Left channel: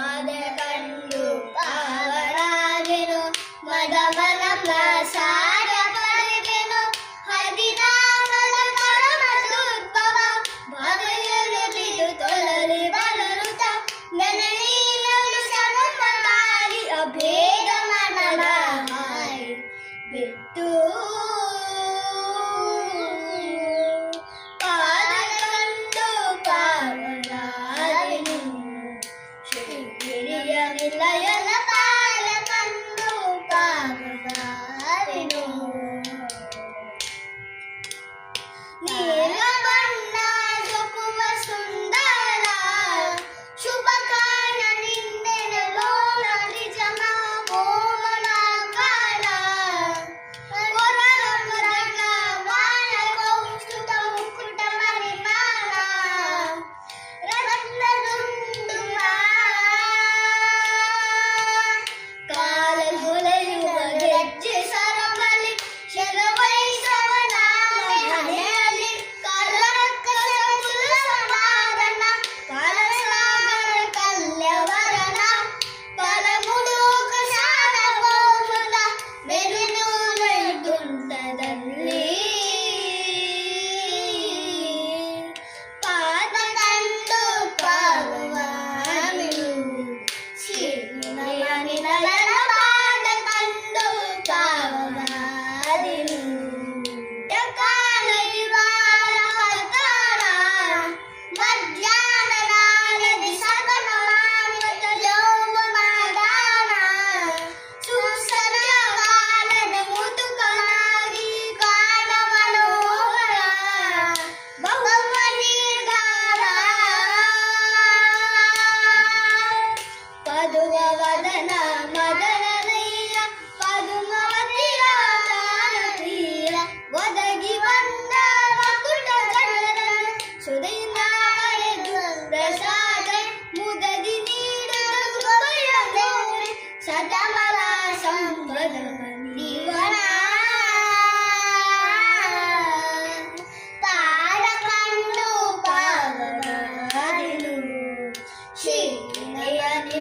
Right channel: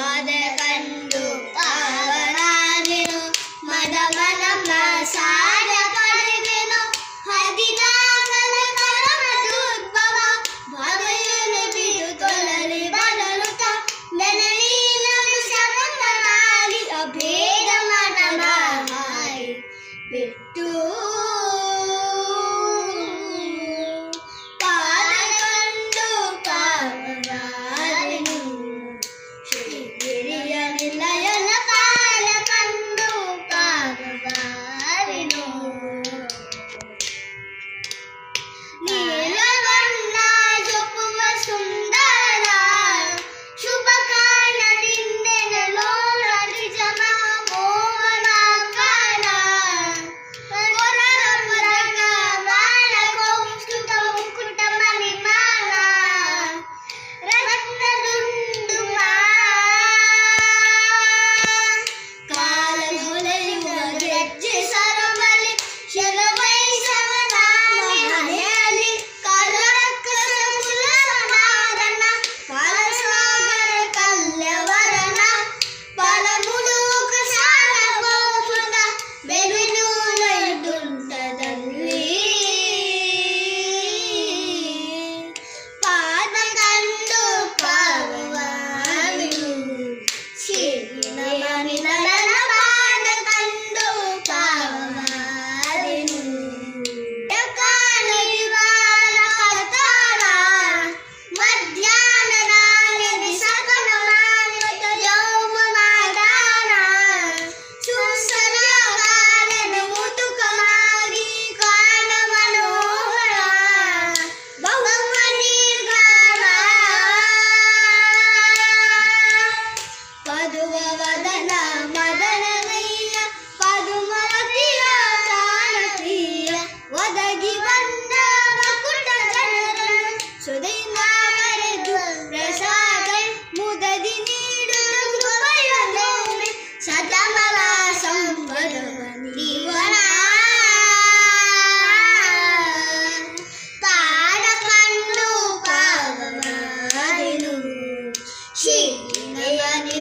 ಪಾದ ಕಂಡು ಪಾವನಾದೆನು ಮದಮನಮ್ಮ ಸಾರ ಪಡೆದೆನು ಹರಿದ ಕರ್ಮದುದ್ಭವ ಭವೆಯನ್ನು ಬಿದು ತೊಳಲಿ ಬಲರುತ ಮೆನಲಿನ ಶರಣನಾಗಿ ಅಭೇದ ಮನಮ ಬಿಟ್ಟು ನಿಲಯನ ಪಾಲ ಕಂಡು ಪಾವಗಾರಿನು ನೀಲವಣ್ಣ ಜೊಕುಮ ಸುಂದರ ಶುಭ ಕಾಣ ನಿಂದೆನ ಲೋಲ ನಿಜಮ ಮೋಹನಾಕಾರ ಕೊರಳ ಮುರಗ ಬಾಣ ಕೌಸ್ತುತ ಮುಕುಟ ಮಣಿಮಾಲ ರತ್ನದುಂಡು ಗೆಜ್ಜೆ ಸರಬಲಿ ಶರವೈಸವನ ಮನೆಯಲ್ಲಿ ಕಲರಕ್ಕಸನಾದನ ಕಲಸಾಗರ ಕಲ್ಯವರನ ಪರಮುಡುಕ ಸಾಲ ಗೋಸುತ ಬೆರುನು ವೈದುಂಟದಲ್ಲಿ ಪಾದ ಕಂಡು ಪಾವವಿನು ಶಿವನ ಪದುವವದ